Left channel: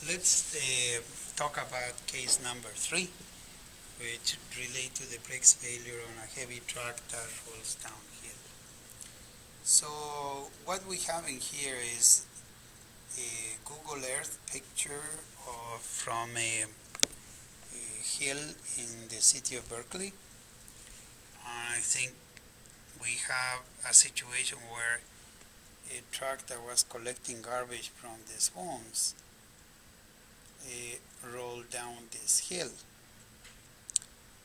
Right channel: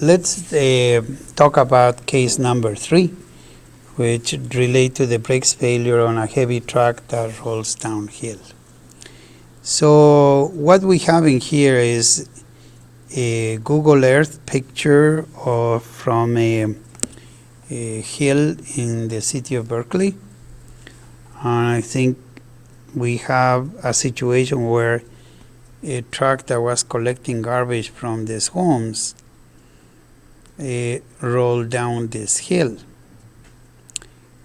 let's talk about case number 3, which relate to the brakes failure on a heavy truck that rolls downhill. So what we have in here is a Google Earth picture from a hill in the city of Berkeley. And I think we have a situation where a truck that was collecting garbage from these homes rolled down this hill.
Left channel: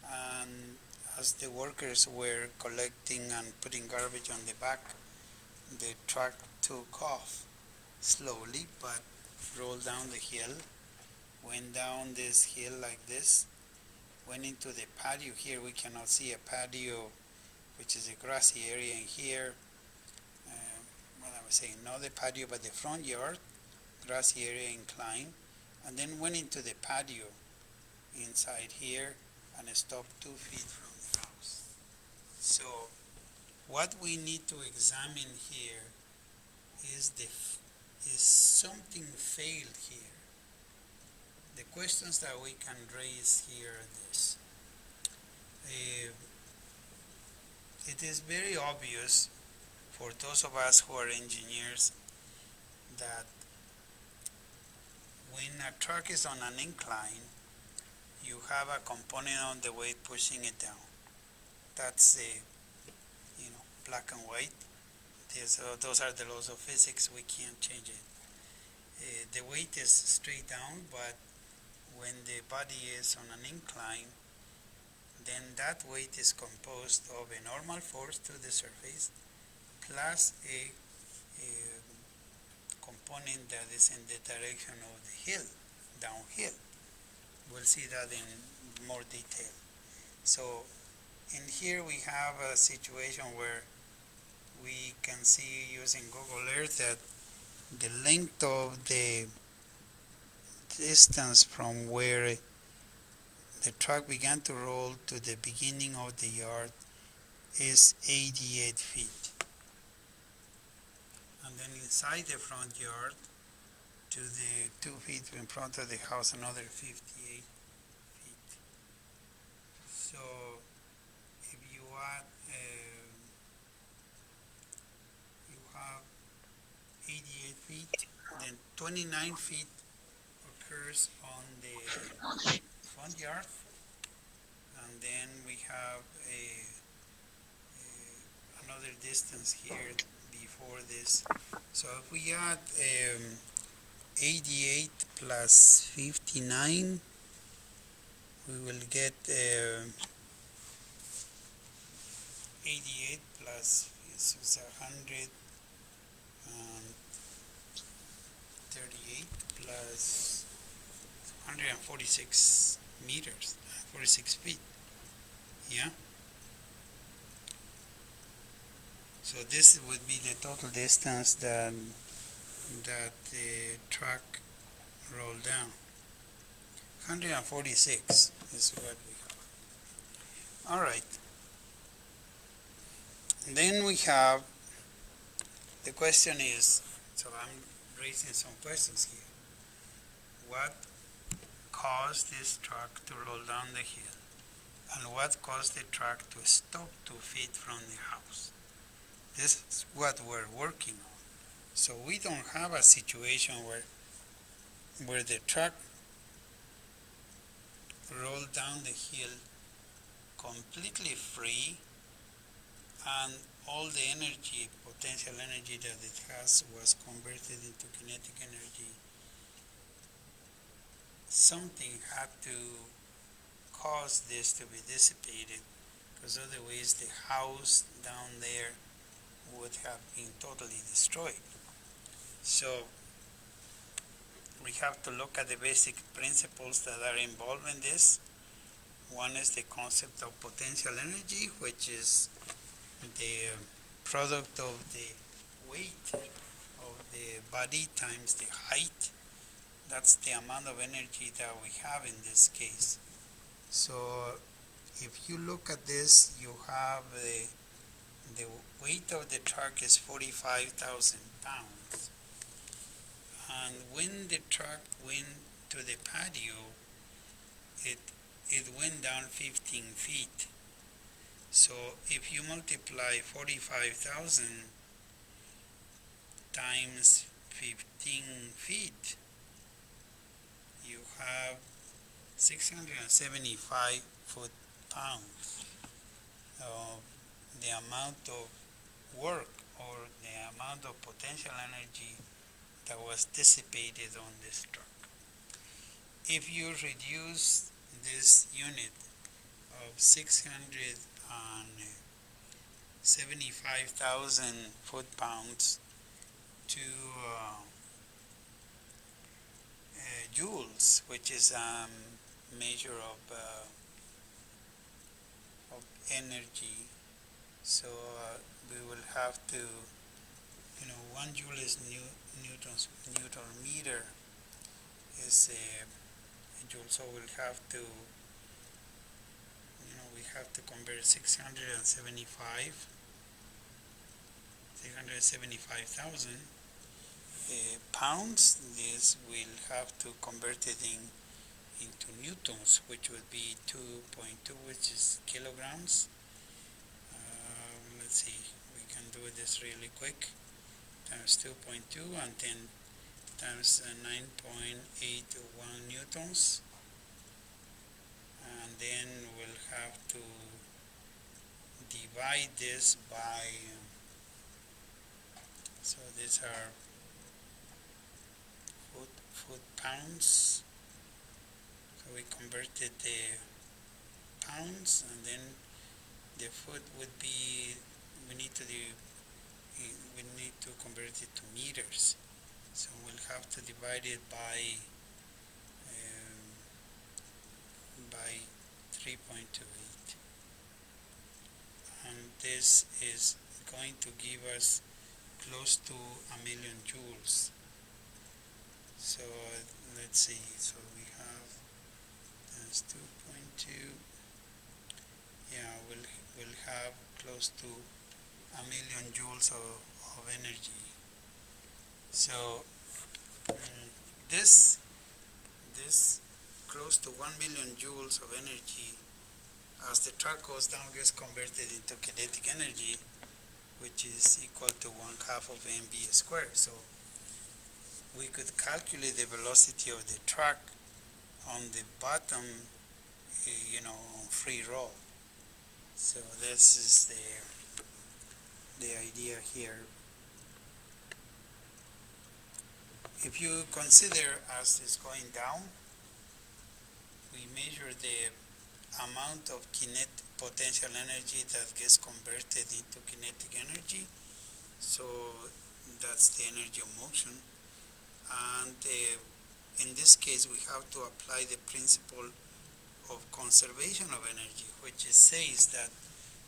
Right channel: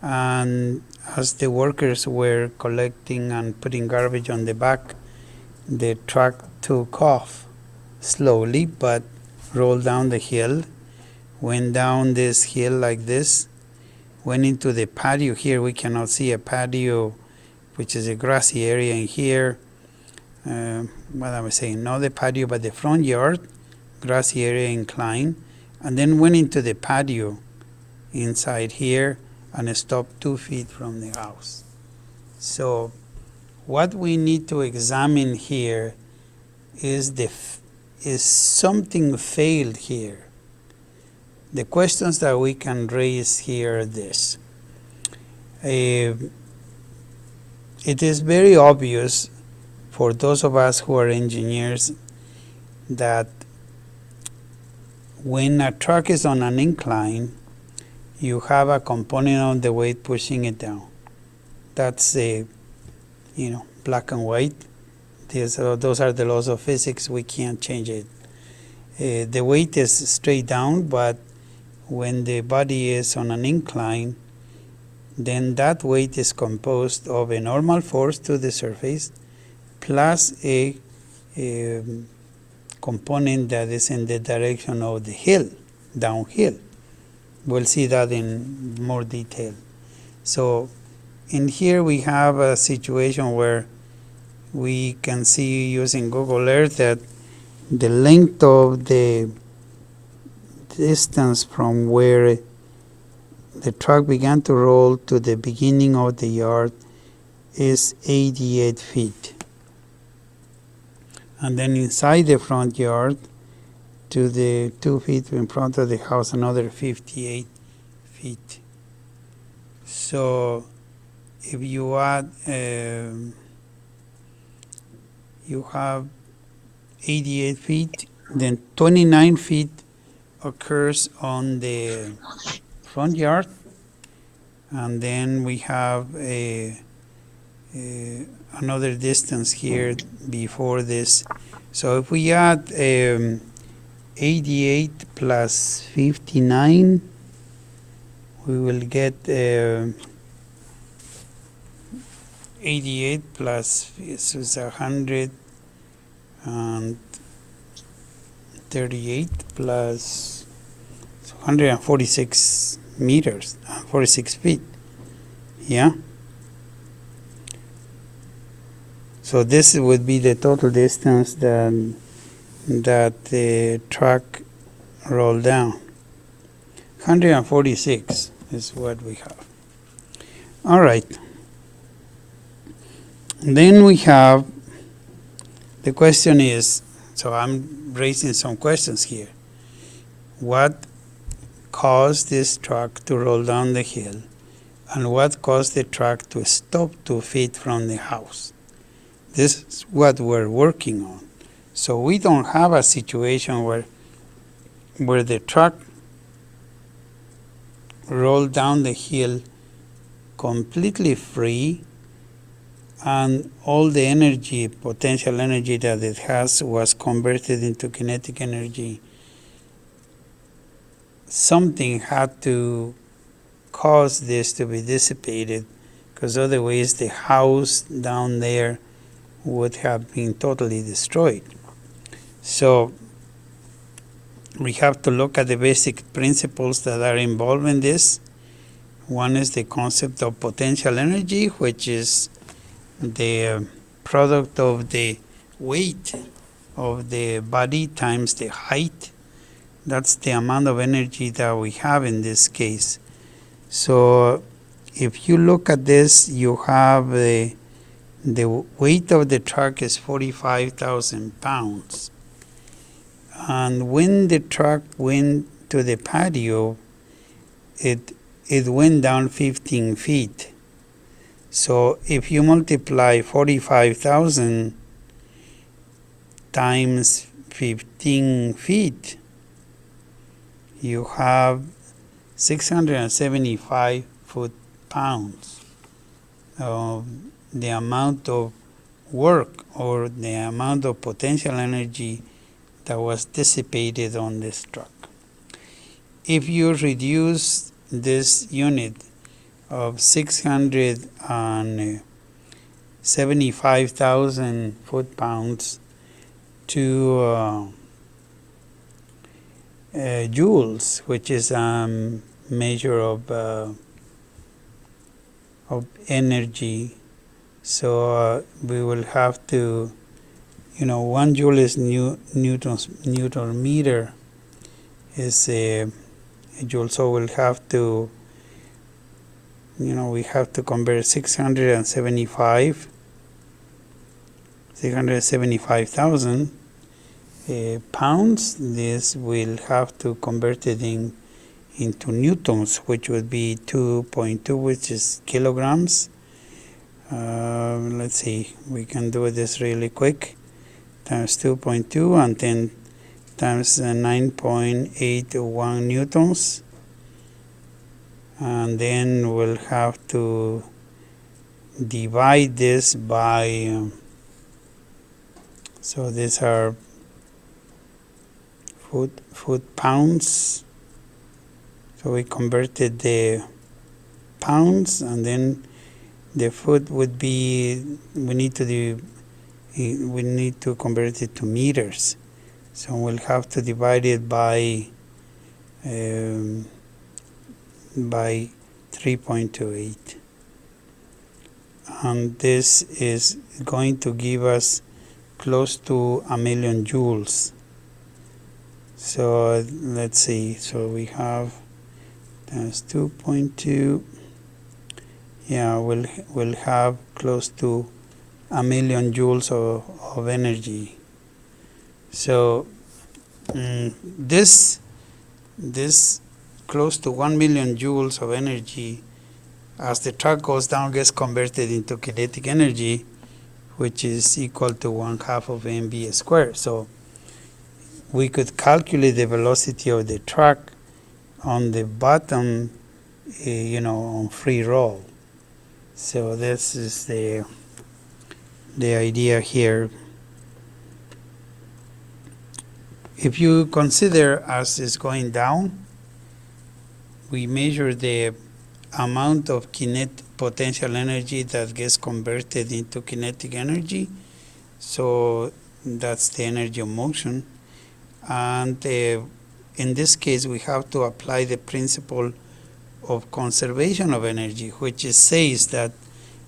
And as the workers were collecting and putting garbage on the back, the truck took off slowly but rolled down the hill, went down this hill like this, went into the patio. Here we cannot see a patio, which is a grassy area in here. What I was saying, not the patio but the front yard, grassy area incline, and then went into the patio inside here and stopped 2 feet from the house. So what we need to examine here is something failed here. The questions that we can raise here are this. It is very obvious for those of us who are engineers that when a truck is on an incline, you have a component of the weight pushing it down. That's black and white. Those are the laws of physics. We can't change it. The weight is straight down, but when the body is on an incline, then that weight is composed of a normal force to the surface plus a component that is in the direction of the hill, downhill. We'll see that in more detail. So in here we have a situation where we can see using Google Earth that the length of the distance from where the truck began to roll to the beginning of the yard is 88 feet. And then inside the front yard to the 2 feet in front of the house, another 58 feet. So if you add, you have 88 feet, then 29 feet occurs on the front yard, and then we have another distance here before this. So if we add 88 plus 59, we will get 88 plus this is 138 plus 146 meters, 46 feet. Yeah. So this would be the total distance that the truck rolled down. 146 is what we have. All right. Then we have, the question is, so I'm raising some questions here. What caused this truck to roll down the hill, and what caused the truck to stop 2 feet from the house? This is what we're working on. So we don't have a situation where the truck rolled down the hill completely free and all the energy, potential energy that it has was converted into kinetic energy. Something had to cause this to be dissipated, because otherwise the house down there would have been totally destroyed. So we have to look at the basic principles that are involved in this. One is the concept of potential energy, which is the product of the weight of the body times the height. That's the amount of energy that we have in this case. So if you look at this, you have the weight of the truck is 45,000 pounds. And when the truck went to the patio, it went down 15 feet. So if you multiply 45,000 times 15 feet, you have 675 foot-pounds of the amount of work or the amount of potential energy that was dissipated on this truck. If you reduce this unit of 675,000 foot-pounds to joules, which is a measure of energy. So we will have to, 1 joule is Newton meter is a joule. So we'll have to, we have to convert 675,000 pounds. This will have to convert it into newtons, which would be 2.2, which is kilograms. Let's see, we can do this really quick. Times 2.2 and then times 9.81 newtons. And then we'll have to divide this by, so these are foot-pounds. So we converted the pounds, and then the foot would be, we need to convert it to meters. So we'll have to divide it by 3.28. And this is going to give us close to 1,000,000 joules. So let's see, so we have times 2.2, yeah, we'll have close to 1,000,000 joules of energy. So this close to 1,000,000 joules of energy, as the truck goes down, gets converted into kinetic energy, which is equal to 1/2 of mv squared. So we could calculate the velocity of the truck on the bottom, on free roll. So this is the idea here. If you consider as it's going down, we measure the amount of potential energy that gets converted into kinetic energy. So that's the energy of motion. And in this case, we have to apply the principle of conservation of energy, which says that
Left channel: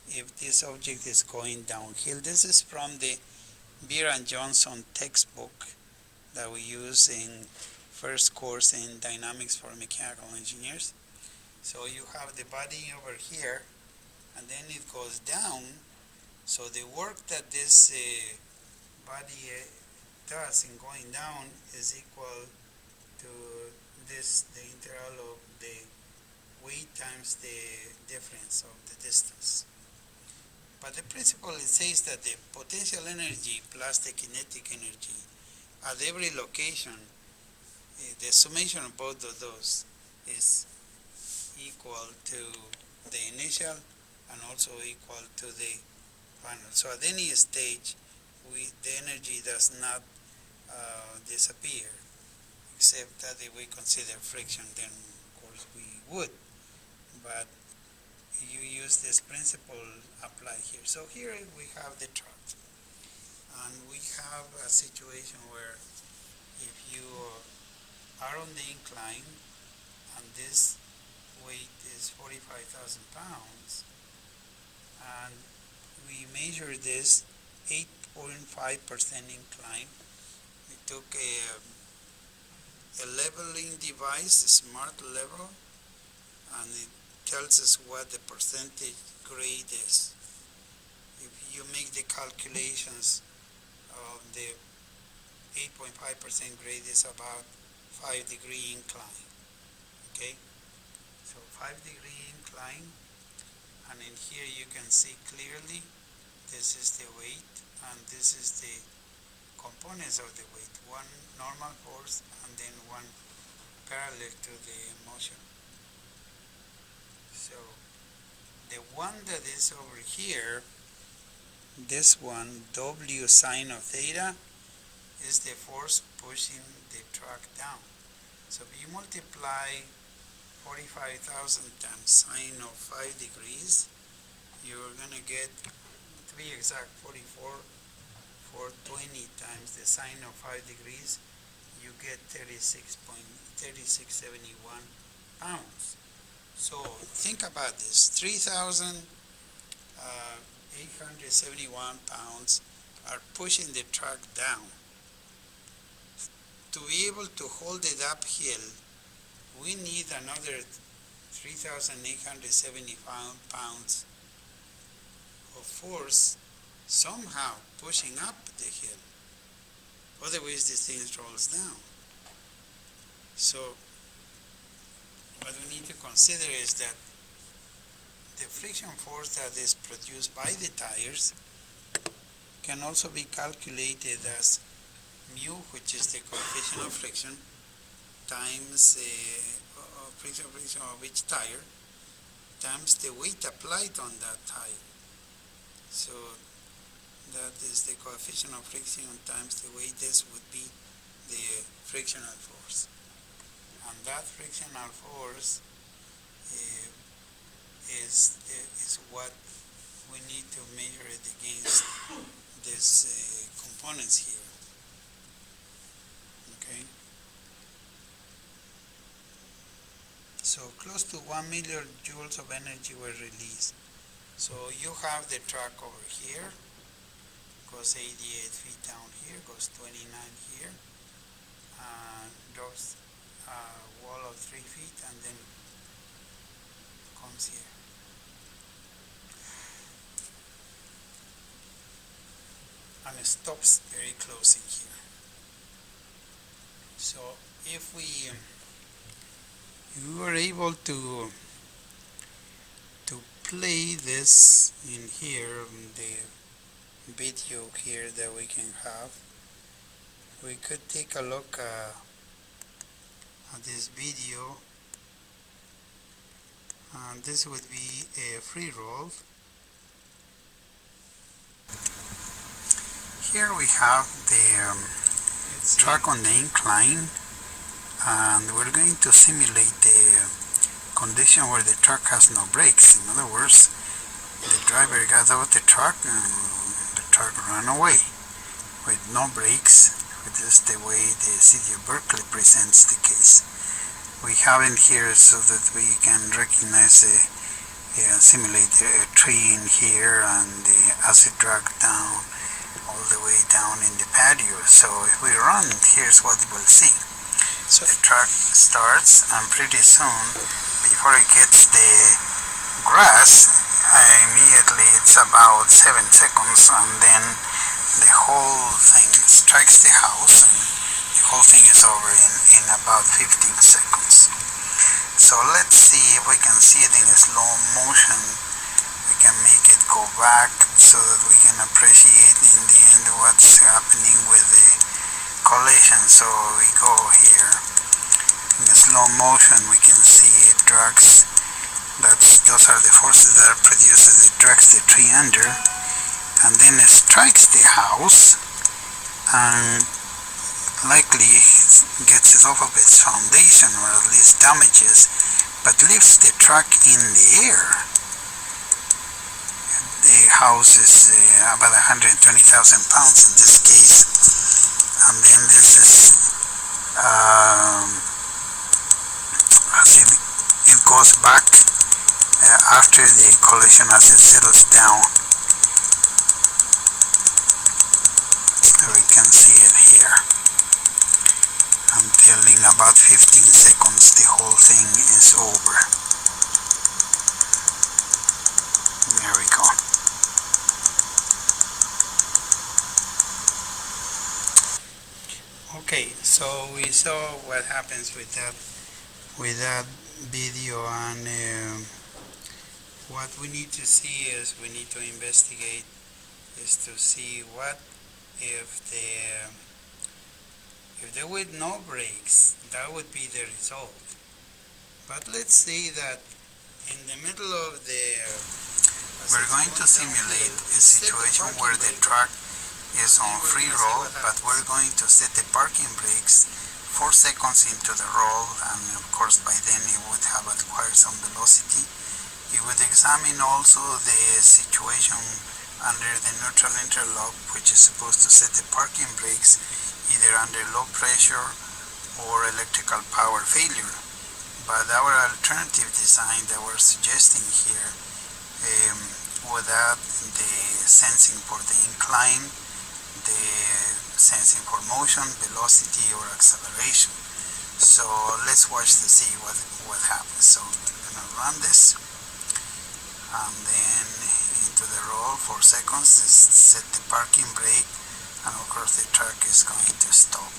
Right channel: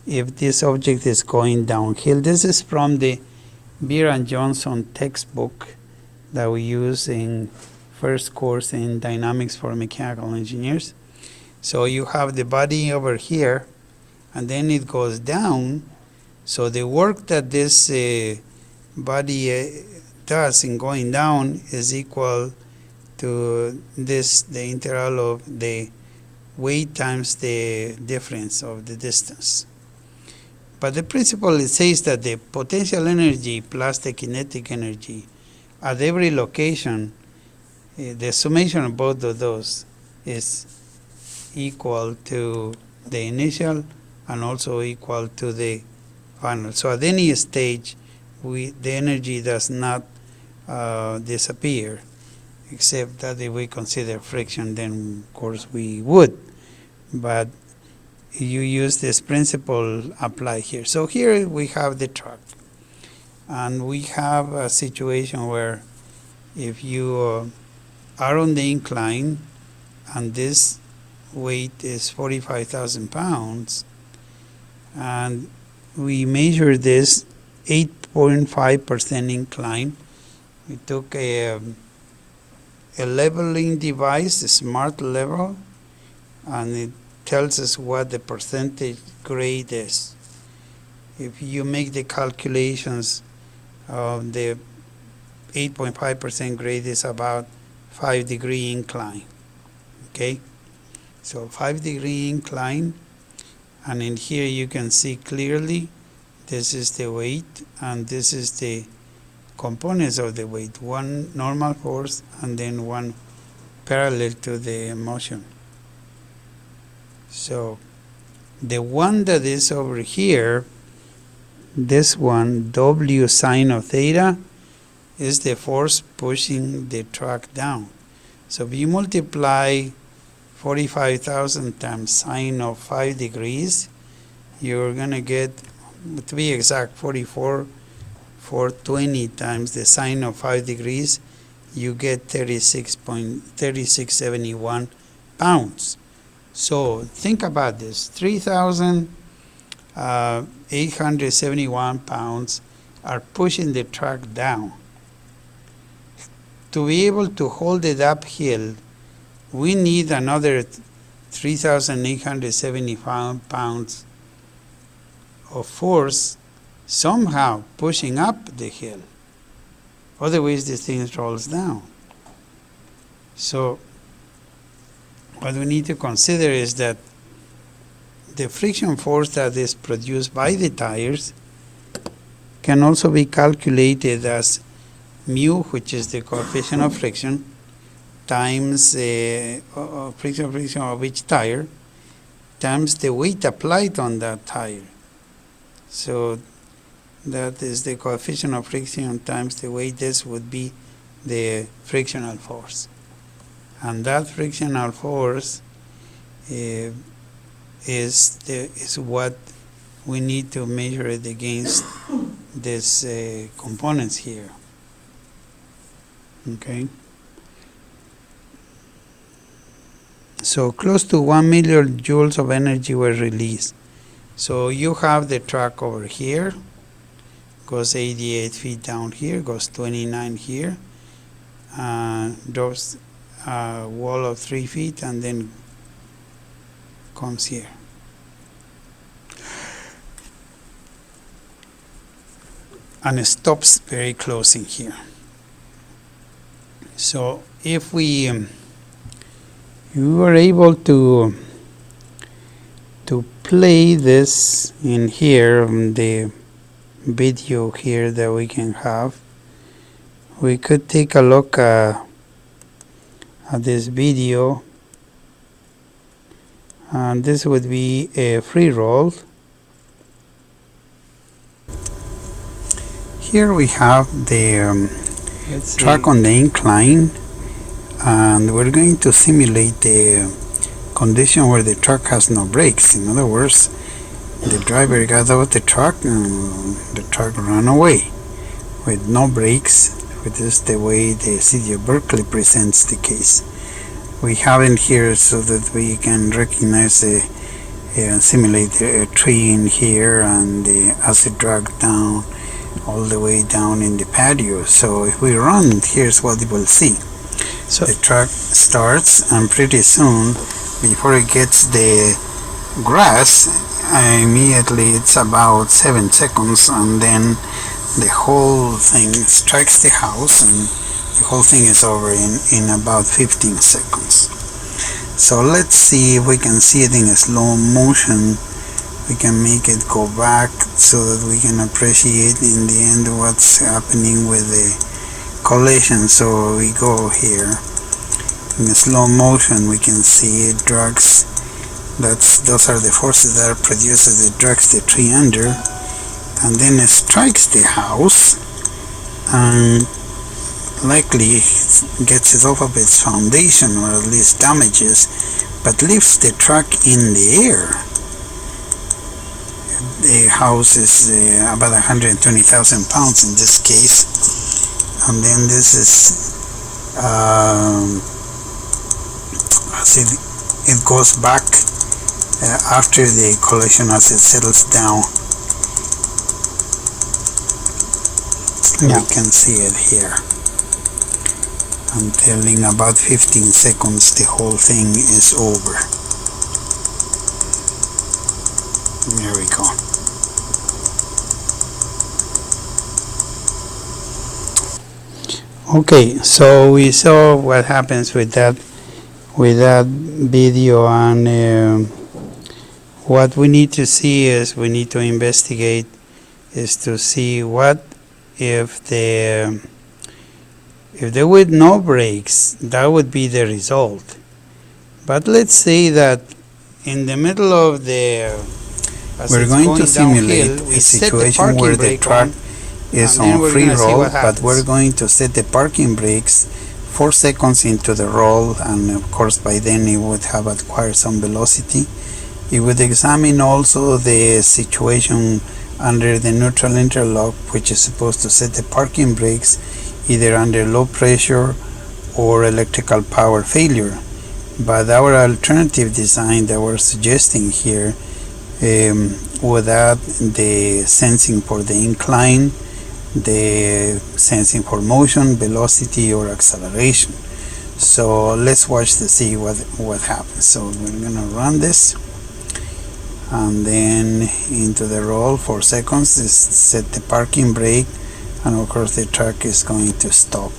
if this object is going downhill, this is from the Beer and Johnson textbook that we use in first course in dynamics for mechanical engineers. So you have the body over here, and then it goes down. So the work that this body does in going down is equal to this, the integral of the weight times the difference of the distance. But the principle, it says that the potential energy plus the kinetic energy at every location, the summation of both of those is equal to the initial and also equal to the final. So at any stage, the energy does not disappear, except that if we consider friction, then of course we would. But you use this principle applied here. So here we have the truck, and we have a situation where if you are on the incline and this weight is 45,000 pounds, and we measure this 8.5% incline. We took a leveling device, a smart level, and it tells us what the percentage grade is. If you make the calculations of the 8.5% grade is about 5-degree incline. Okay, so 5-degree incline, and in here you can see clearly this is the weight and this is the components of the weight, one normal force and then one parallel to the motion. So the one that is over here, this one, W sine of theta, is the force pushing the truck down. So if you multiply 45,000 times sine of 5 degrees, you're going to get, to be exact, 420 times the sine of 5 degrees, you get 3671 pounds. So think about this, 3,871 pounds are pushing the truck down. To be able to hold it uphill, we need another 3,875 pounds of force somehow pushing up the hill. Otherwise, this thing rolls down. So what we need to consider is that the friction force that is produced by the tires can also be calculated as mu, which is the coefficient of friction, times friction of each tire, times the weight applied on that tire. So that is the coefficient of friction times the weight. This would be the frictional force. And that frictional force is what we need to measure it against these components here. Okay. So close to 1 million joules of energy were released. So you have the truck over here, goes 88 feet down here, goes 29 here, drops a wall of 3 feet, and then comes here. And it stops very close in here. So if you are able to play this in here, the video here that we can have, we could take a look at this video, and this would be a free roll. Here we have the truck on the incline, and we're going to simulate the condition where the truck has no brakes. In other words, the driver got out the truck and the truck ran away with no brakes, which is the way the city of Berkeley presents the case. We have it here so that we can recognize simulate a tree in here and the acid drag down all the way down in the patio. So if we run, here's what we'll see. So the truck starts, and pretty soon, before it gets the grass, immediately it's about 7 seconds, and then the whole thing strikes the house, and the whole thing is over in about 15 seconds. So let's see if we can see it in a slow motion. We can make it go back so that we can appreciate in the end what's happening with the collision. So we go here in a slow motion. We can see it drags. Those are the forces that are produced as it drags the tree under, and then it strikes the house and likely gets it off of its foundation, or at least damages, but lifts the truck in the air. The house is about 120,000 pounds in this case, and then this is as it goes back after the collision, as it settles down. So we can see it here. Until in about 15 seconds the whole thing is over. There we go. Okay, so we saw what happens with that video, and what we need to see is we need to investigate is to see what if there were no brakes, that would be the result. But let's say that in the middle of we're going to simulate a situation where the truck is on free roll, but we're going to set the parking brakes 4 seconds into the roll, and of course by then it would have acquired some velocity. It would examine also the situation under the neutral interlock, which is supposed to set the parking brakes either under low pressure or electrical power failure. But our alternative design that we're suggesting here would add the sensing for the incline, the sensing for motion, velocity, or acceleration. So let's watch to see what happens. So we're gonna run this, and then into the roll 4 seconds, set the parking brake, and of course the truck is going to stop.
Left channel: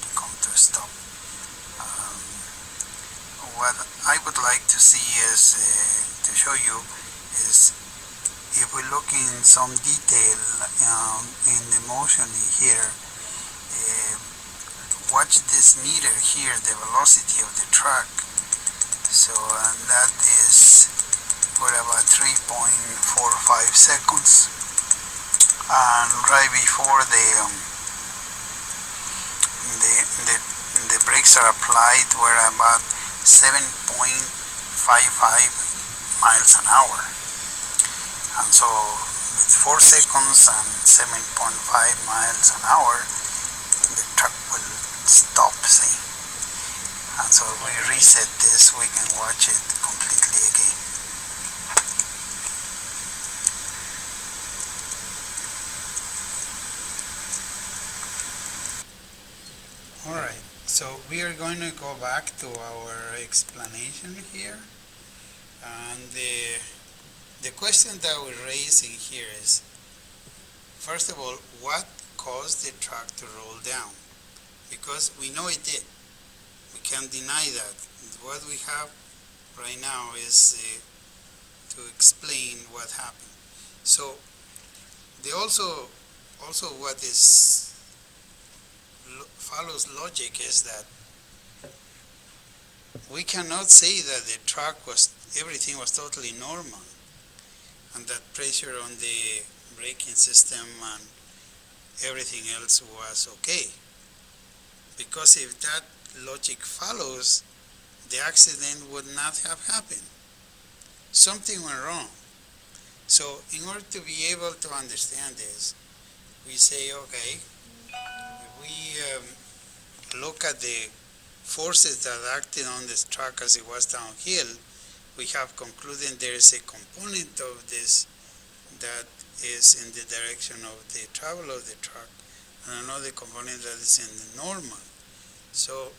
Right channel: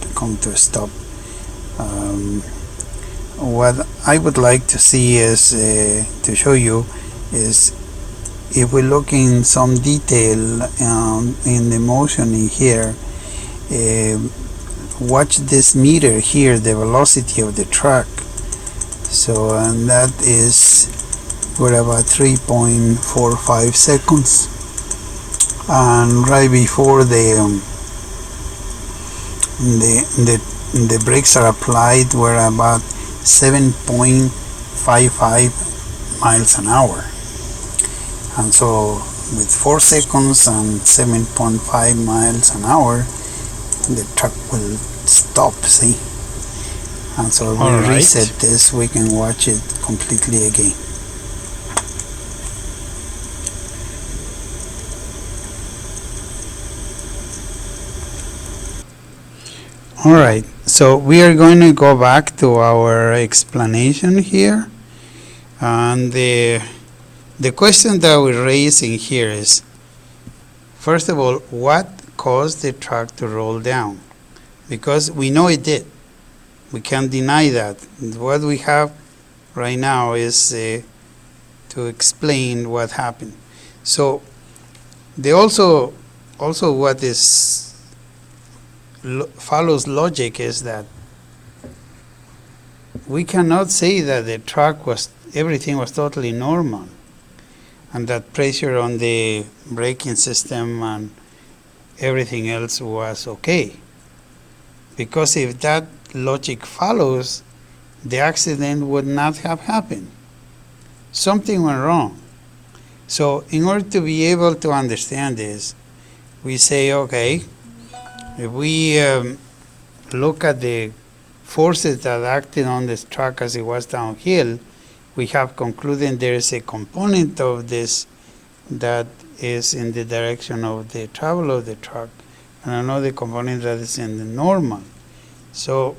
What I would like to see is to show you is, if we look in some detail in the motion in here, watch this meter here, the velocity of the truck. So, and that is, we're about 3.45 seconds, and right before the brakes are applied, we're about 7.55 miles an hour. And so with 4 seconds and 7.5 miles an hour, the truck will stop, see? And so if we reset this, we can watch it completely again. All right, so we are going to go back to our explanation here, and the question that we're raising here is, first of all, what caused the truck to roll down? Because we know it did. We can't deny that. What we have right now is to explain what happened. So they also what is follows logic is that we cannot say that the truck everything was totally normal, and that pressure on the braking system and everything else was okay. Because if that logic follows, the accident would not have happened. Something went wrong. So in order to be able to understand this, we say, okay, if we look at the forces that acted on this truck as it was downhill, we have concluded there is a component of this that is in the direction of the travel of the truck, and another component that is in the normal. So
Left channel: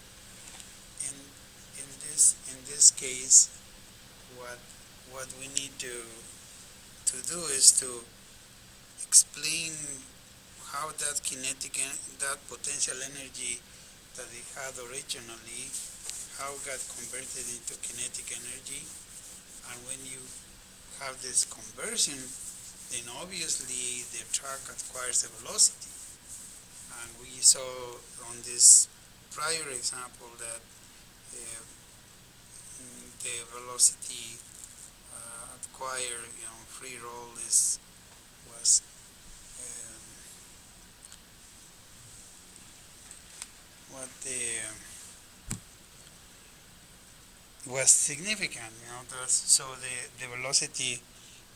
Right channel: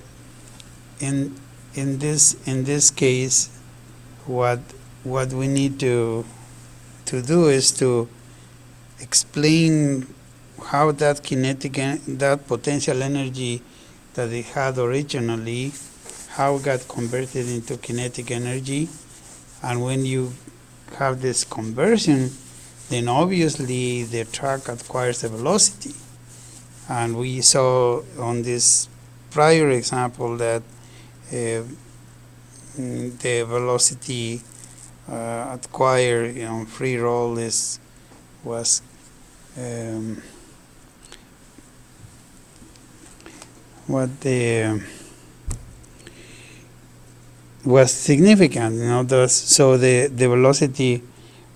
in this case, what we need to do is to explain how that potential energy that it had originally, how it got converted into kinetic energy. And when you have this conversion, then obviously the truck acquires a velocity. And we saw on this prior example that the velocity acquired on free roll was significant, so the velocity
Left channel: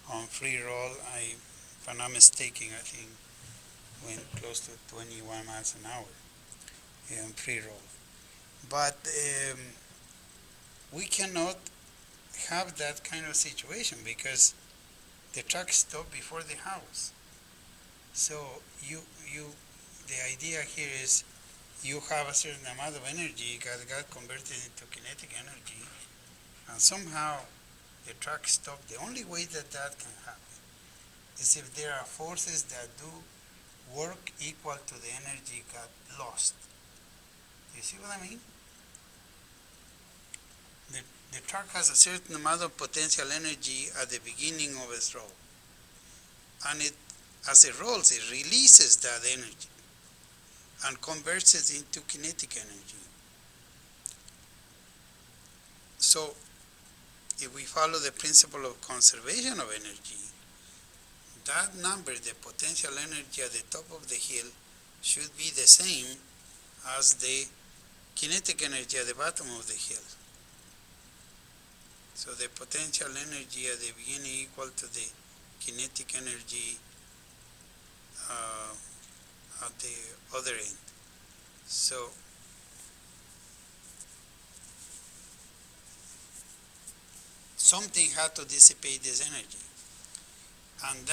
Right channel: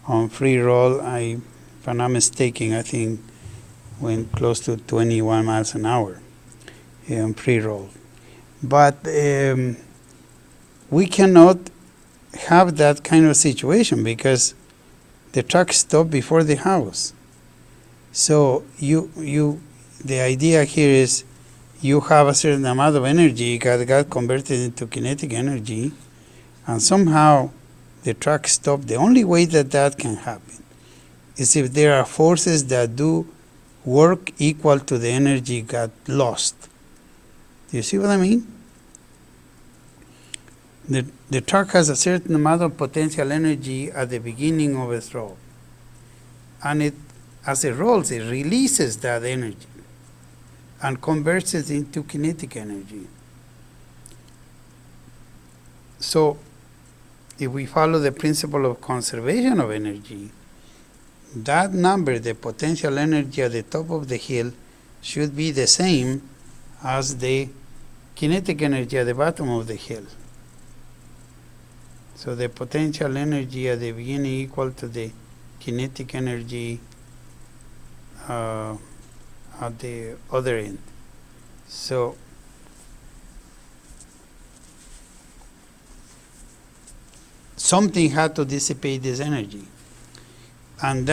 on free roll, if I'm not mistaken, I think went close to 21 miles an hour on free roll. But we cannot have that kind of situation because the truck stopped before the house. So the idea here is you have a certain amount of energy that got converted into kinetic energy, and somehow the truck stopped. The only way that can happen is if there are forces that do work equal to the energy got lost. Do you see what I mean? The truck has a certain amount of potential energy at the beginning of its roll. And as it rolls, it releases that energy and converts it into kinetic energy. So if we follow the principle of conservation of energy, that number, the potential energy at the top of the hill, should be the same as the kinetic energy at the bottom of the hill. So the potential energy at the beginning equal to the kinetic energy at the other end. So something had to dissipate this energy. And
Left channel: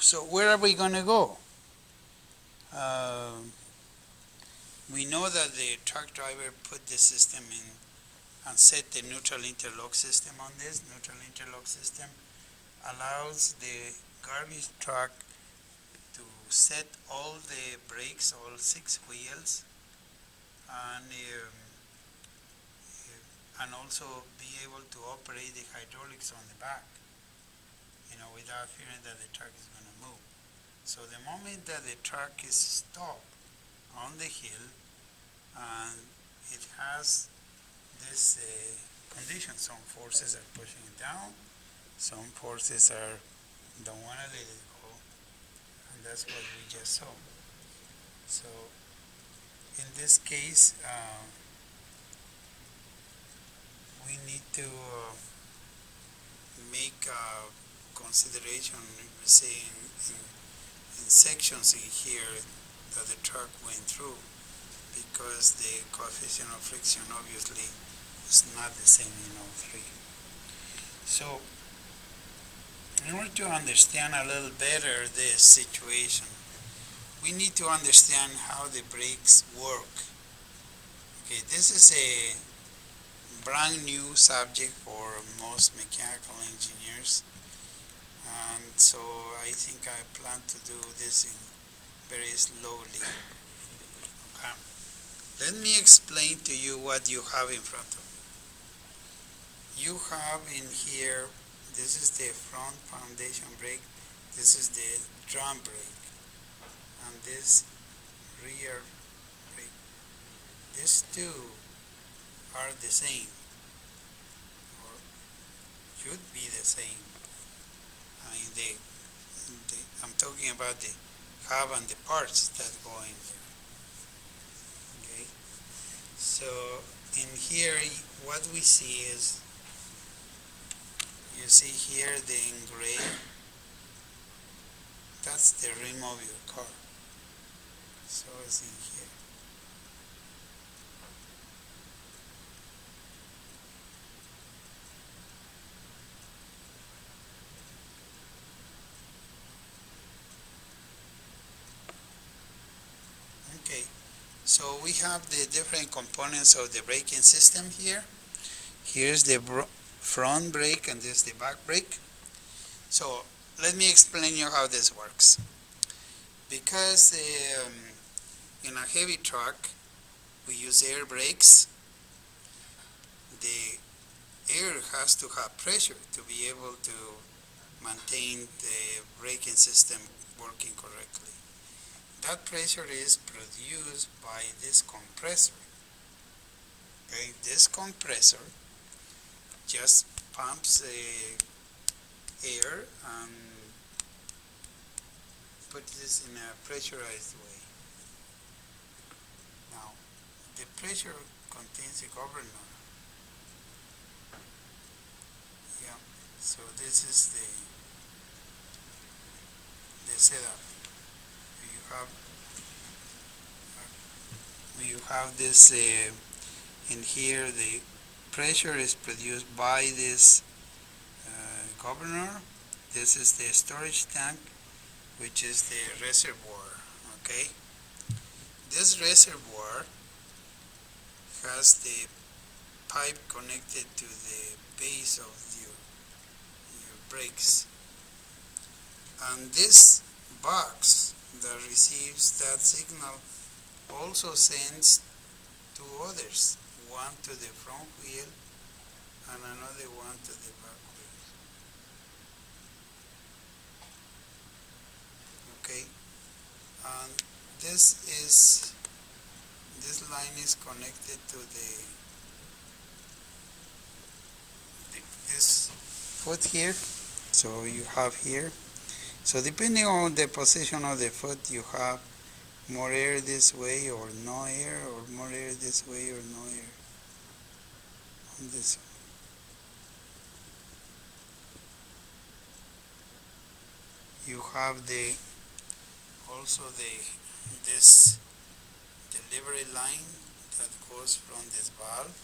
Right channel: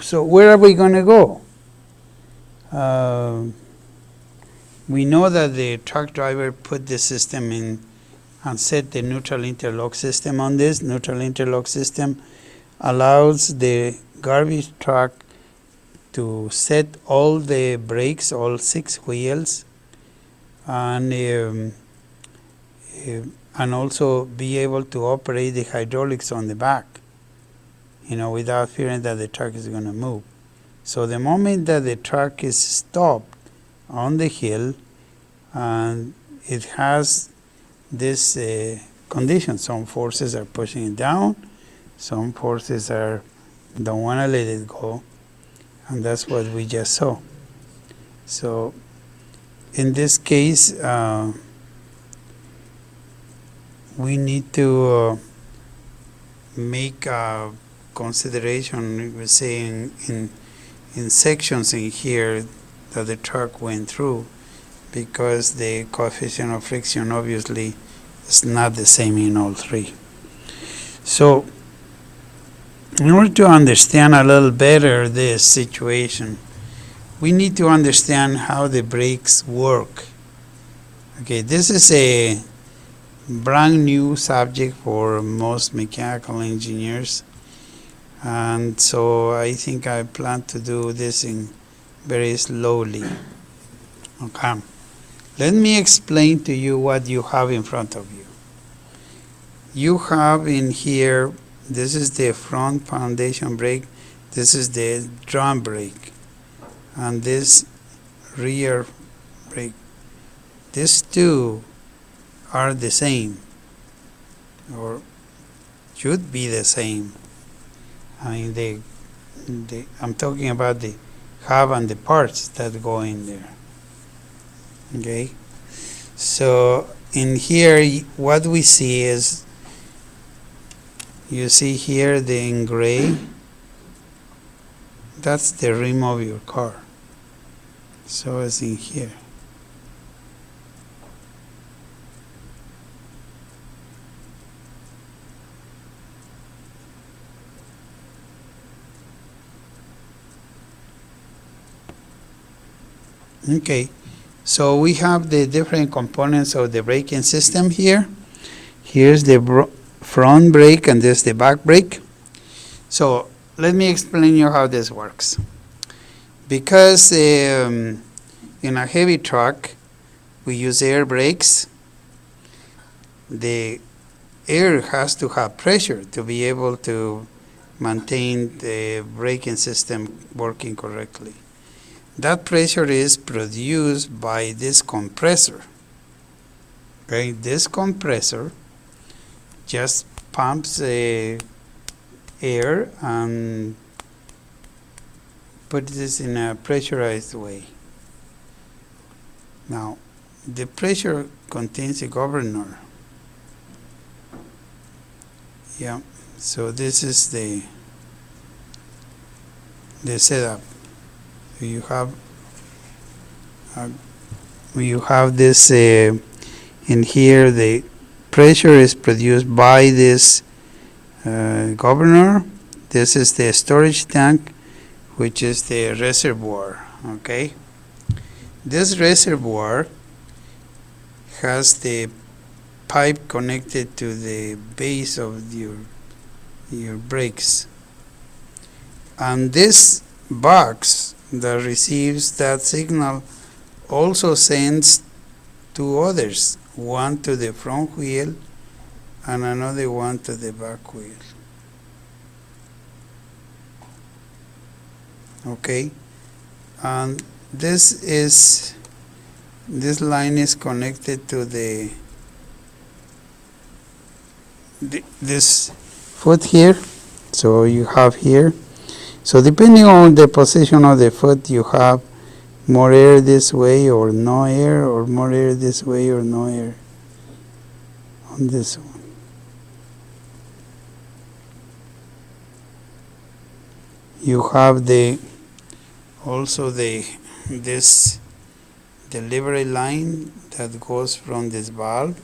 so where are we going to go? We know that the truck driver put the system in and set the neutral interlock system on this. Neutral interlock system allows the garbage truck to set all the brakes, all 6 wheels, and also be able to operate the hydraulics on the back, without fearing that the truck is going to move. So the moment that the truck is stopped on the hill, and it has this condition, some forces are pushing it down, some forces don't want to let it go, and that's what we just saw. So in this case, we need to make a consideration, we say in sections in here that the truck went through, because the coefficient of friction obviously is not the same in all 3. So in order to understand a little better this situation, we need to understand how the brakes work. Okay, this is a brand new subject for most mechanical engineers, and so I think I plan to do this in very slowly. Okay. Let me explain to you what you have in front of you. You have in here, this is the front foundation brake, this is the drum brake, and this rear brake. These two are the same, or should be the same. I mean, I'm talking about the hub and the parts that go in there. Okay, so in here what we see is, you see here in gray, that's the rim of your car. So it's in here. Okay. So we have the different components of the braking system here. Here's the front brake and this the back brake. So let me explain you how this works. Because in a heavy truck we use air brakes, the air has to have pressure to be able to maintain the braking system working correctly. That pressure is produced by this compressor. Okay, this compressor just pumps air and puts this in a pressurized way. Now, the pressure contains a governor. Yeah, so this is the setup. You have this in here. The pressure is produced by this governor. This is the storage tank, which is the reservoir. Okay, this reservoir has the pipe connected to the base of your brakes, and this box that receives that signal also sends two others, one to the front wheel and another one to the back wheel. Okay, and this line is connected to this foot here. So you have here. So depending on the position of the foot, you have more air this way or no air, or more air this way or no air on this one. You have also this delivery line that goes from this valve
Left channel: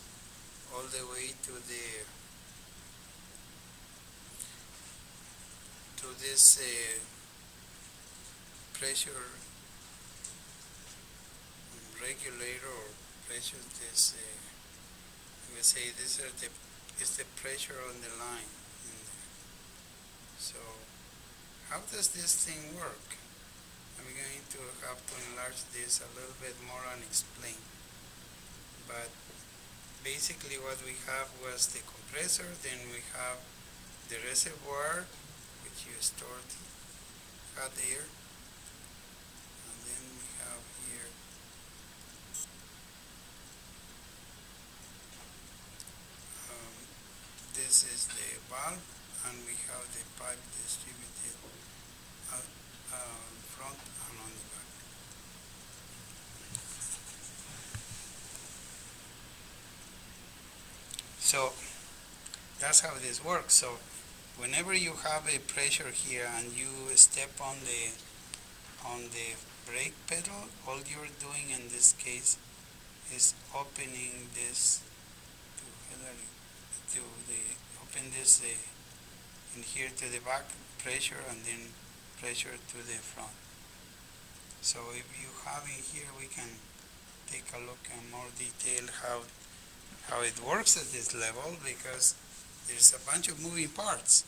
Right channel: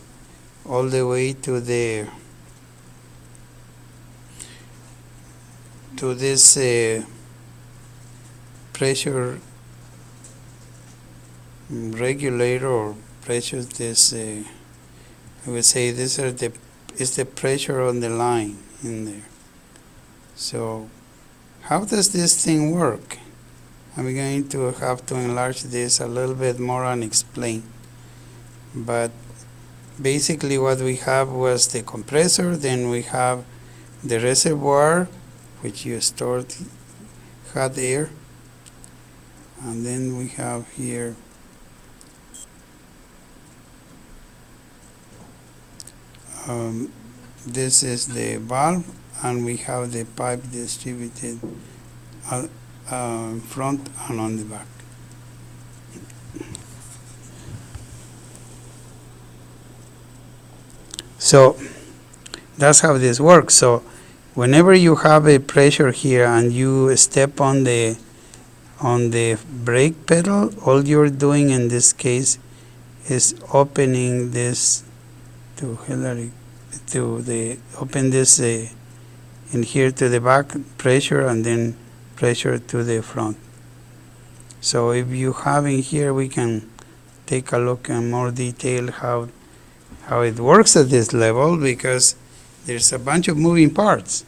all the way to this pressure regulator or pressure. This I would say this is the pressure on the line in there. So how does this thing work? I'm going to have to enlarge this a little bit more and explain. But basically what we have was the compressor, then we have the reservoir, which you stored hot air, and then we have here this is the valve, and we have the pipe distributed front and on the back. So that's how this works. So whenever you have a pressure here and you step on the brake pedal, all you're doing in this case is opening this to Hillary, open this in here to the back pressure, and then pressure to the front. So if you have in here, we can take a look in more detail how it works at this level, because there's a bunch of moving parts.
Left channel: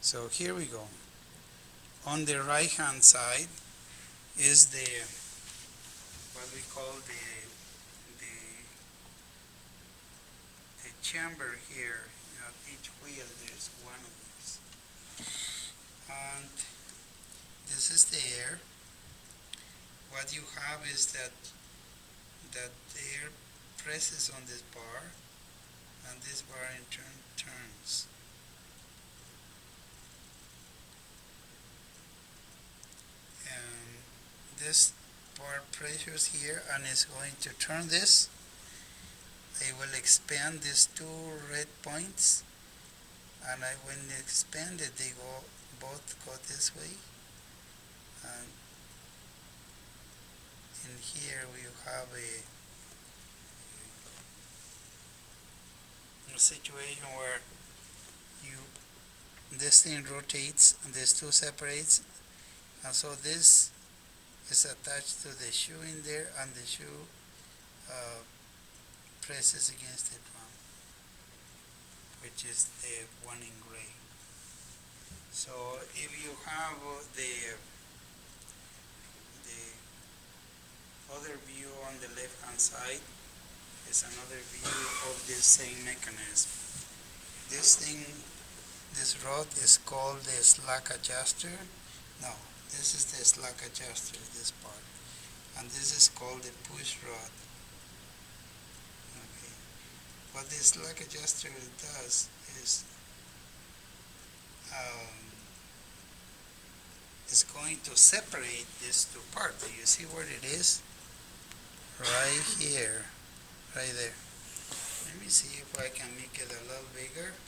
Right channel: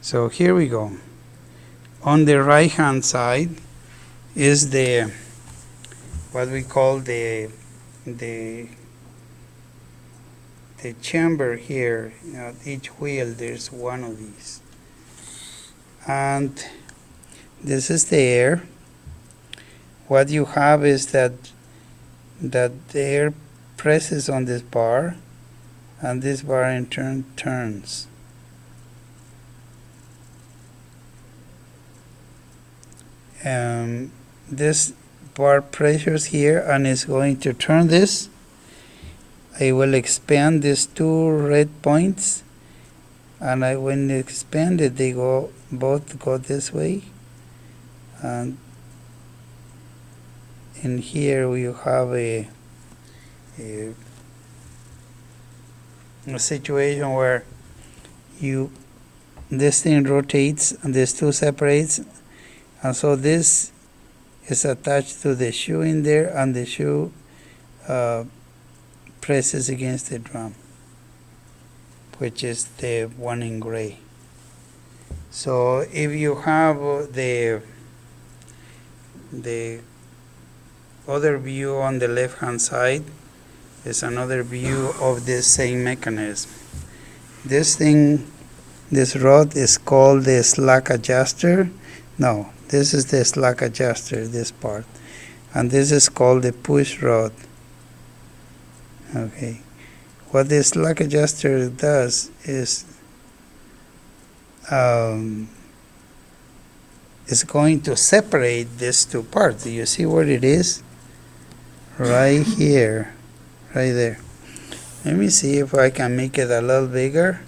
So here we go. On the right hand side is the what we call the chamber here. At each wheel there's one of these, and this is the air. What you have is that the air presses on this bar, and this bar in turn turns. This bar pressures here and is going to turn this. I will expand these two red points, and when expanded, they both go this way, and in here we have a situation where this thing rotates and this two separates, and so this is attached to the shoe in there, and the shoe presses against the drum, which is the one in gray. So if you have the other view on the left hand side, is another view of this same mechanism. This thing, this rod is called the slack adjuster. No, this is the slack adjuster, this part. And this is called the push rod. Okay. What the slack adjuster does is it's going to separate these two parts. Do you see where it is? Right here, right there. Let me see if I can make it a little bigger.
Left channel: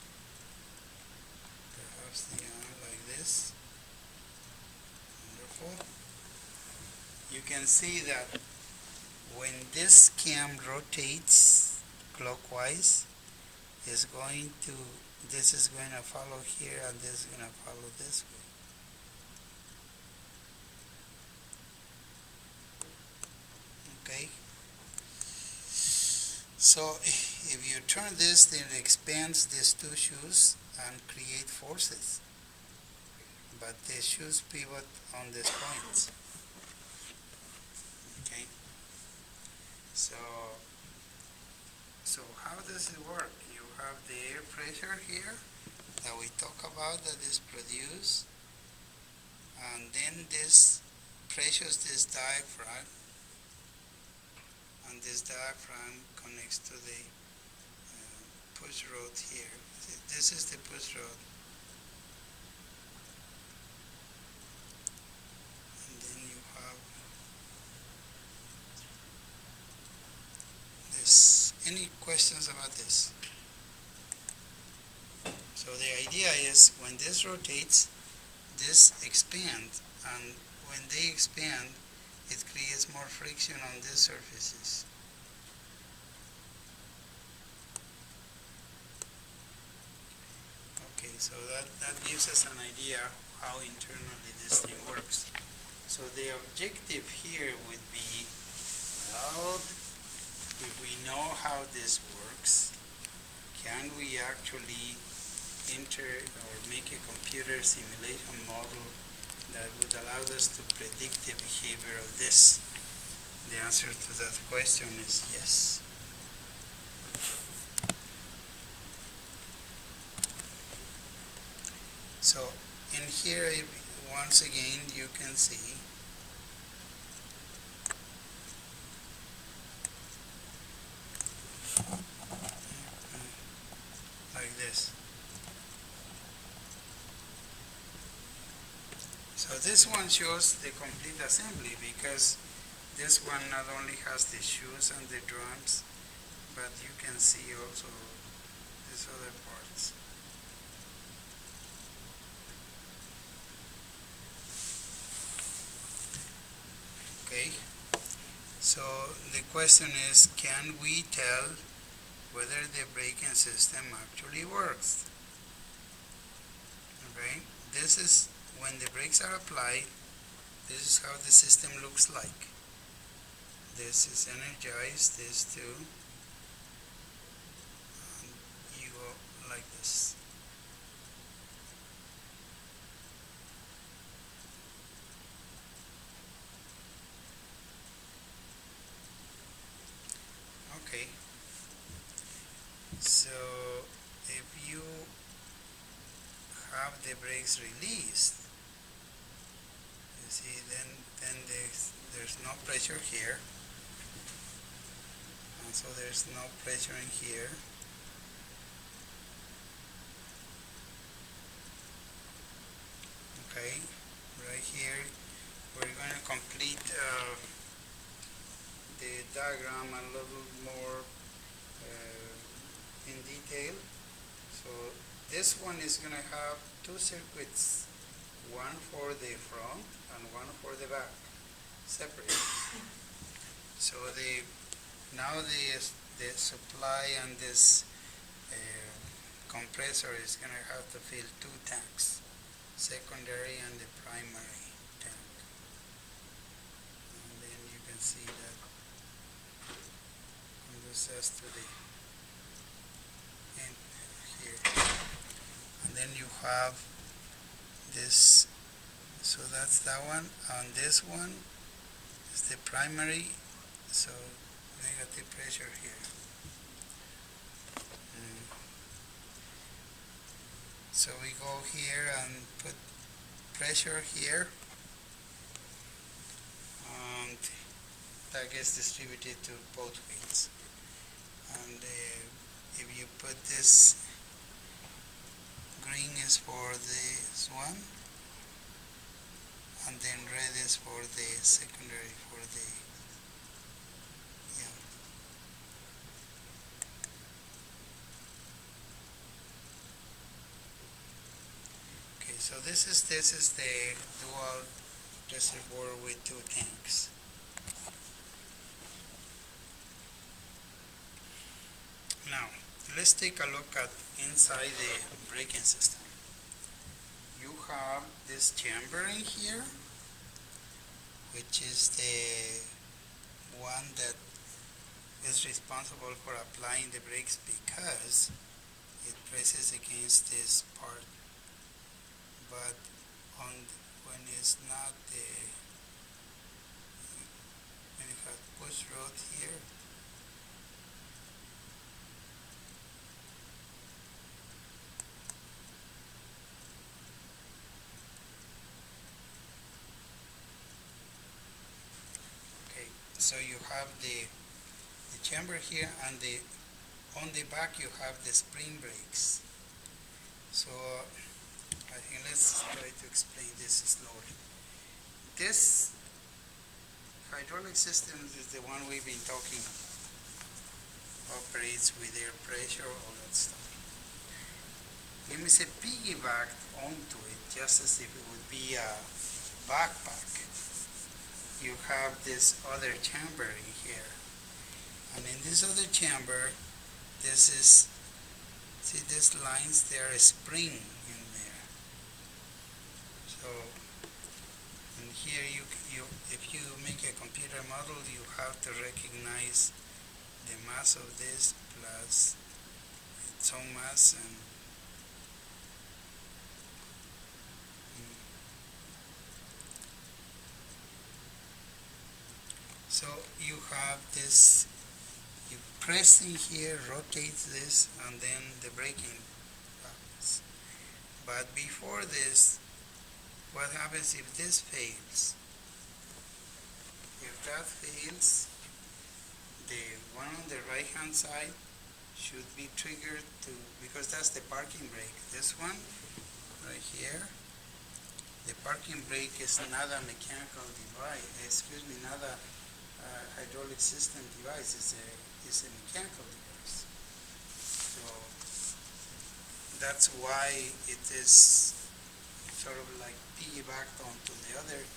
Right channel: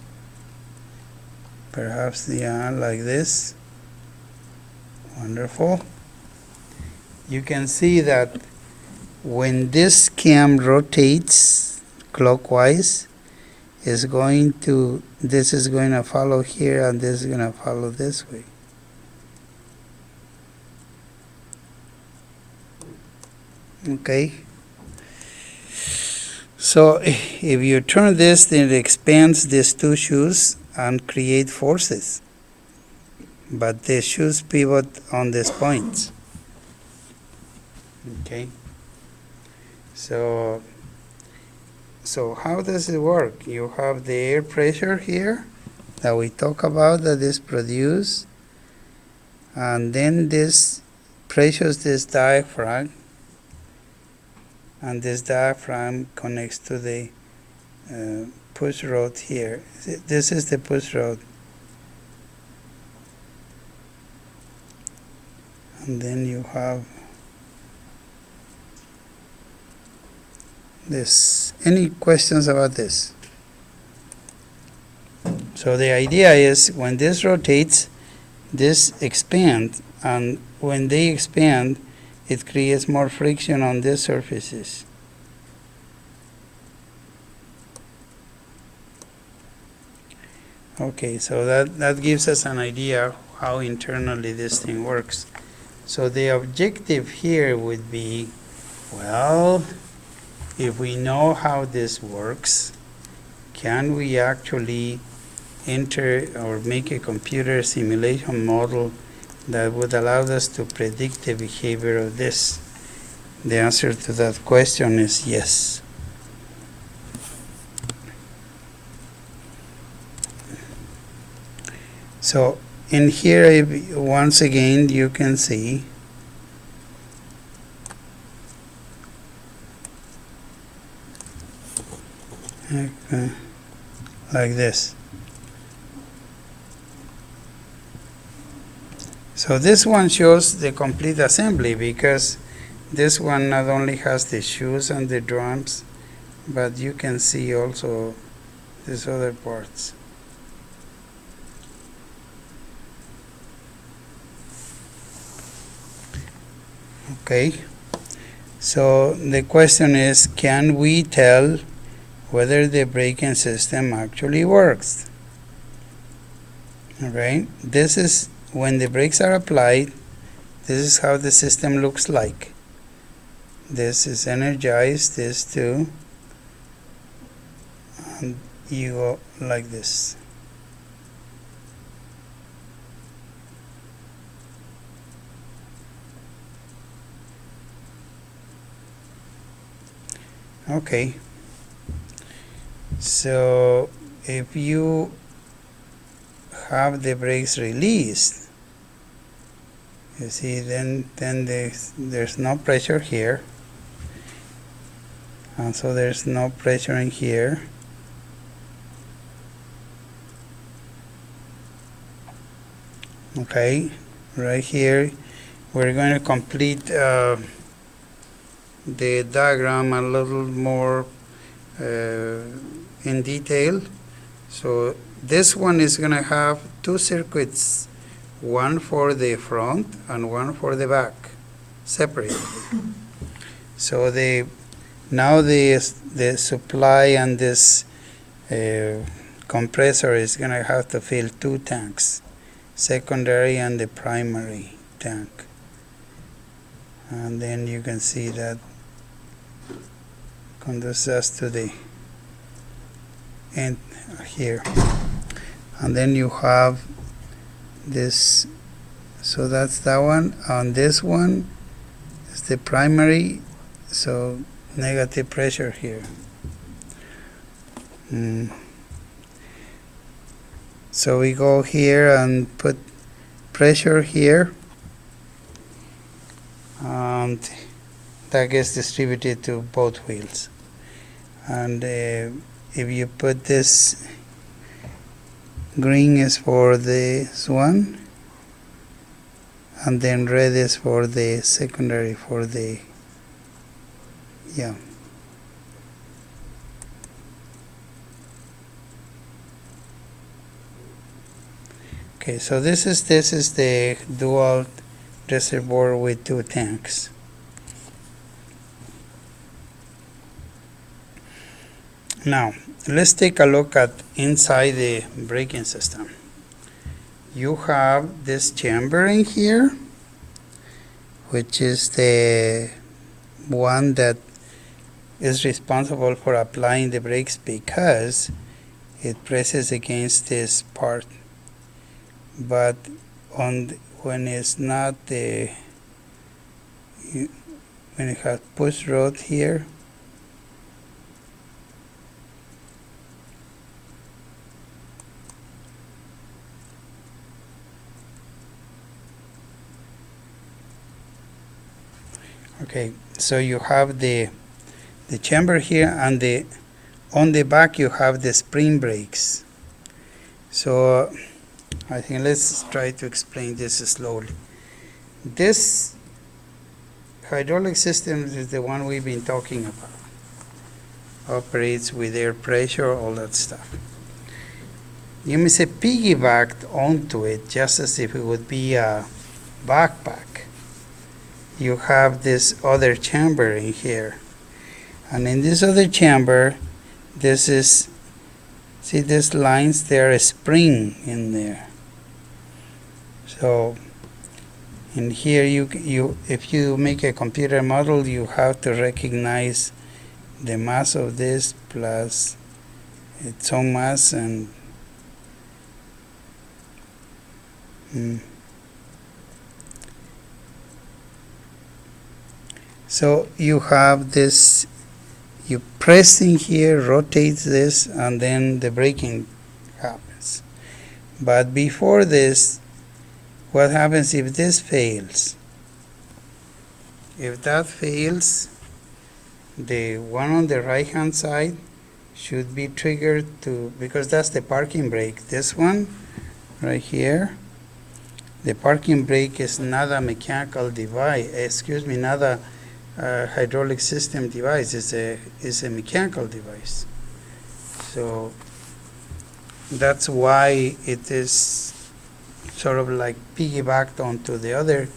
Perhaps, yeah, like this. Wonderful. You can see that when this cam rotates clockwise, this is going to follow here, and this is going to follow this way. Okay. So if you turn this, then it expands these two shoes and create forces. But the shoes pivot on these points. Okay. So how does it work? You have the air pressure here that we talk about that is produced, and then this pressures this diaphragm, and this diaphragm connects to the push rod here. This is the push rod, and then you have this. Any questions about this? So the idea is when this rotates, this expands, and when they expand, it creates more friction on these surfaces. Okay, so that gives us an idea how internally this thing works. So the objective here would be, well, if we know how this works, can we actually enter or make a computer simulation model that would allow us to predict the behavior of this? The answer to that question is yes. So in here, once again, you can see like this. So this one shows the complete assembly because this one not only has the shoes and the drums, but you can see also these other parts. Okay, so the question is, can we tell whether the braking system actually works? Alright, this is when the brakes are applied, this is how the system looks like. This is energized, this too, and you go like this. Okay, so if you have the brakes released, you see, then there's no pressure here, and so there's no pressure in here. Okay, right here we're going to complete the diagram a little more in detail. So this one is going to have two circuits, one for the front and one for the back, separate. So now the supply and this compressor is going to have to fill two tanks, secondary and the primary tank. And then you can see that conducts us to the end here. And then you have this, so that's that one. On this one is the primary, so negative pressure here. So we go here and put pressure here, and that gets distributed to both wheels. And if you put this, green is for this one, and then red is for the secondary, for the, yeah. Okay, so this is the dual reservoir with two tanks. Now, let's take a look at inside the braking system. You have this chamber in here, which is the one that is responsible for applying the brakes because it presses against this part. But when it's not when you have push rod here. Okay, so you have the chamber here, and on the back you have the spring brakes. So I think let's try to explain this slowly. This hydraulic system is the one we've been talking about. Operates with air pressure, all that stuff. You may say piggybacked onto it, just as if it would be a backpack. You have this other chamber in here. And in this other chamber, this is, see these lines, there are a spring in there. So in here, if you make a computer model, you have to recognize the mass of this plus its own mass, and so you have this, you press in here, rotates this, and then the braking happens. But before this, what happens if this fails? If that fails, the one on the right hand side should be triggered to, because that's the parking brake. This one right here, the parking brake is not a mechanical device, not a hydraulic system device, is a mechanical device. So that's why it is sort of like piggybacked onto the other,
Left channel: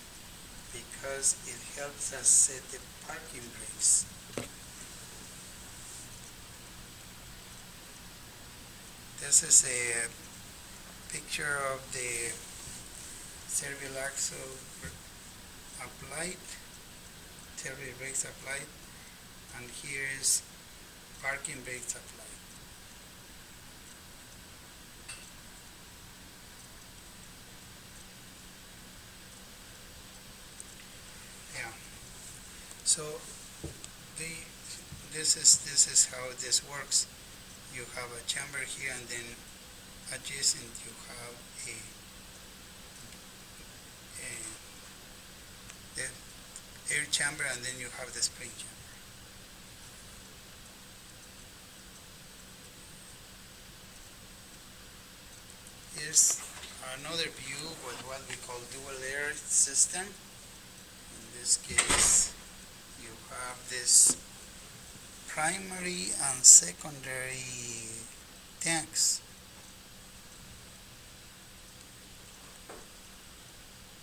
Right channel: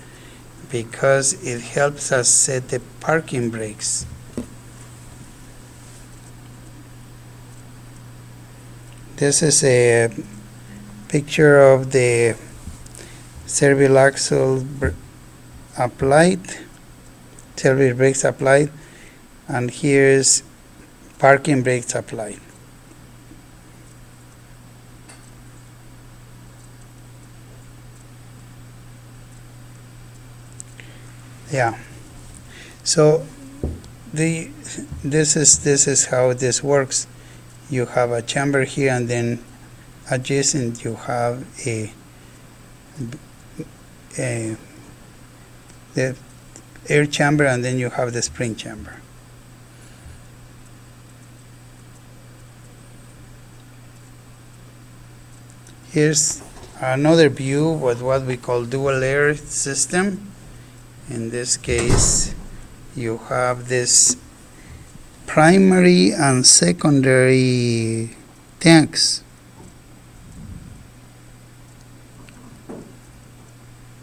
because it helps us set the parking brakes. This is a picture of the service axle applied, service brakes applied, and here's parking brakes applied. Yeah. So this is how this works. You have a chamber here, and then adjacent you have the air chamber, and then you have the spring chamber. Here's another view with what we call dual air system. In this case, you have this primary and secondary tanks.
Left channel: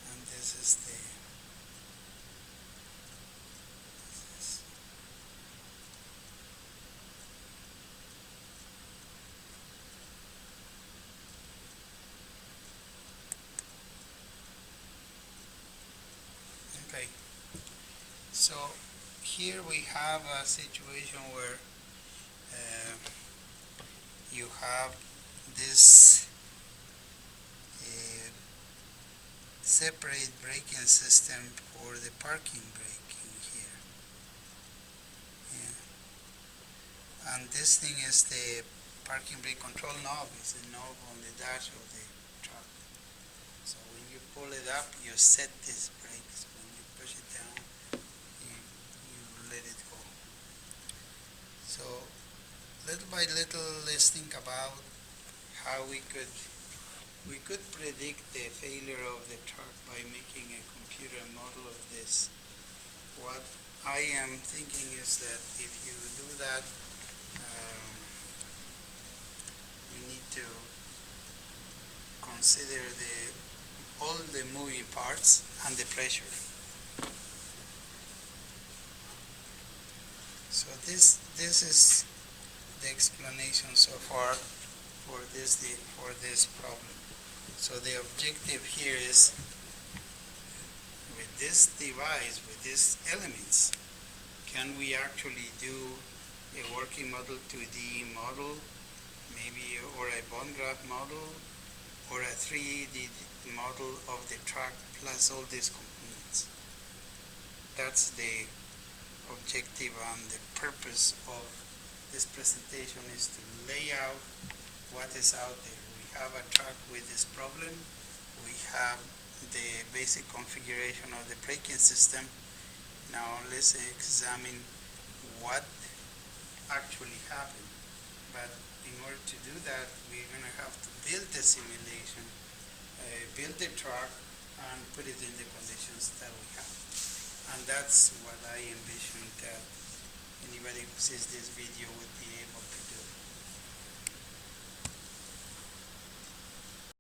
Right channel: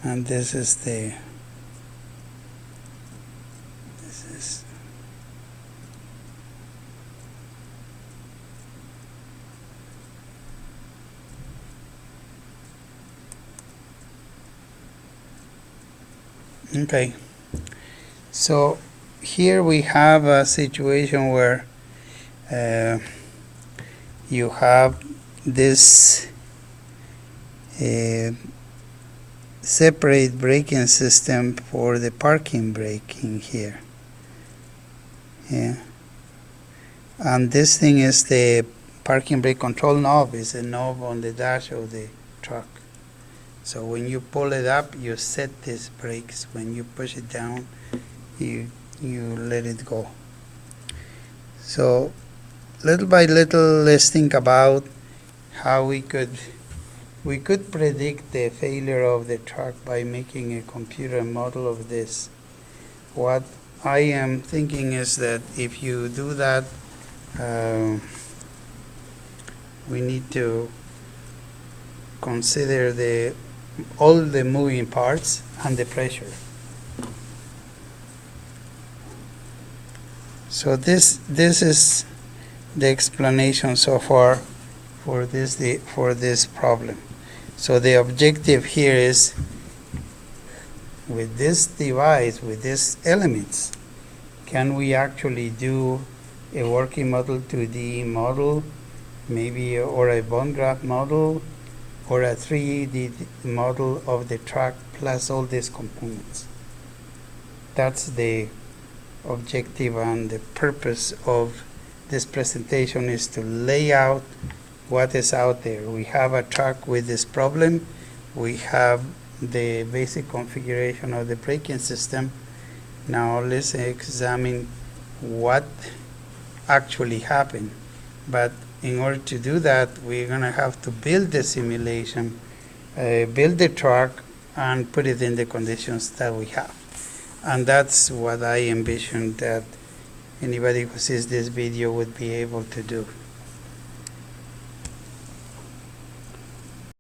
And this is okay. So here we have a situation where you have this separate braking system for the parking brake in here. Yeah. And this thing is the parking brake control knob, is a knob on the dash of the truck. So when you pull it up, you set these brakes. When you push it down, you let it go. So little by little, let's think about how we could predict the failure of the truck by making a computer model of this. What I am thinking is that if you do that, we need to consider all the moving parts and the pressure. So this is the explanation so far for this problem. So the objective here is, with this device, with these elements, can we actually do a working model 2D model, maybe, or a bone graft model, or a 3D model of the truck plus all these components? That's the objective and the purpose of this presentation is to lay out what is out there. We have a truck with this problem. We have the basic configuration of the braking system. Now let's examine what actually happened. But in order to do that, we're going to have to build the simulation, build the truck, and put it in the conditions that we have. And that's what I envision that anybody who sees this video would be able to do.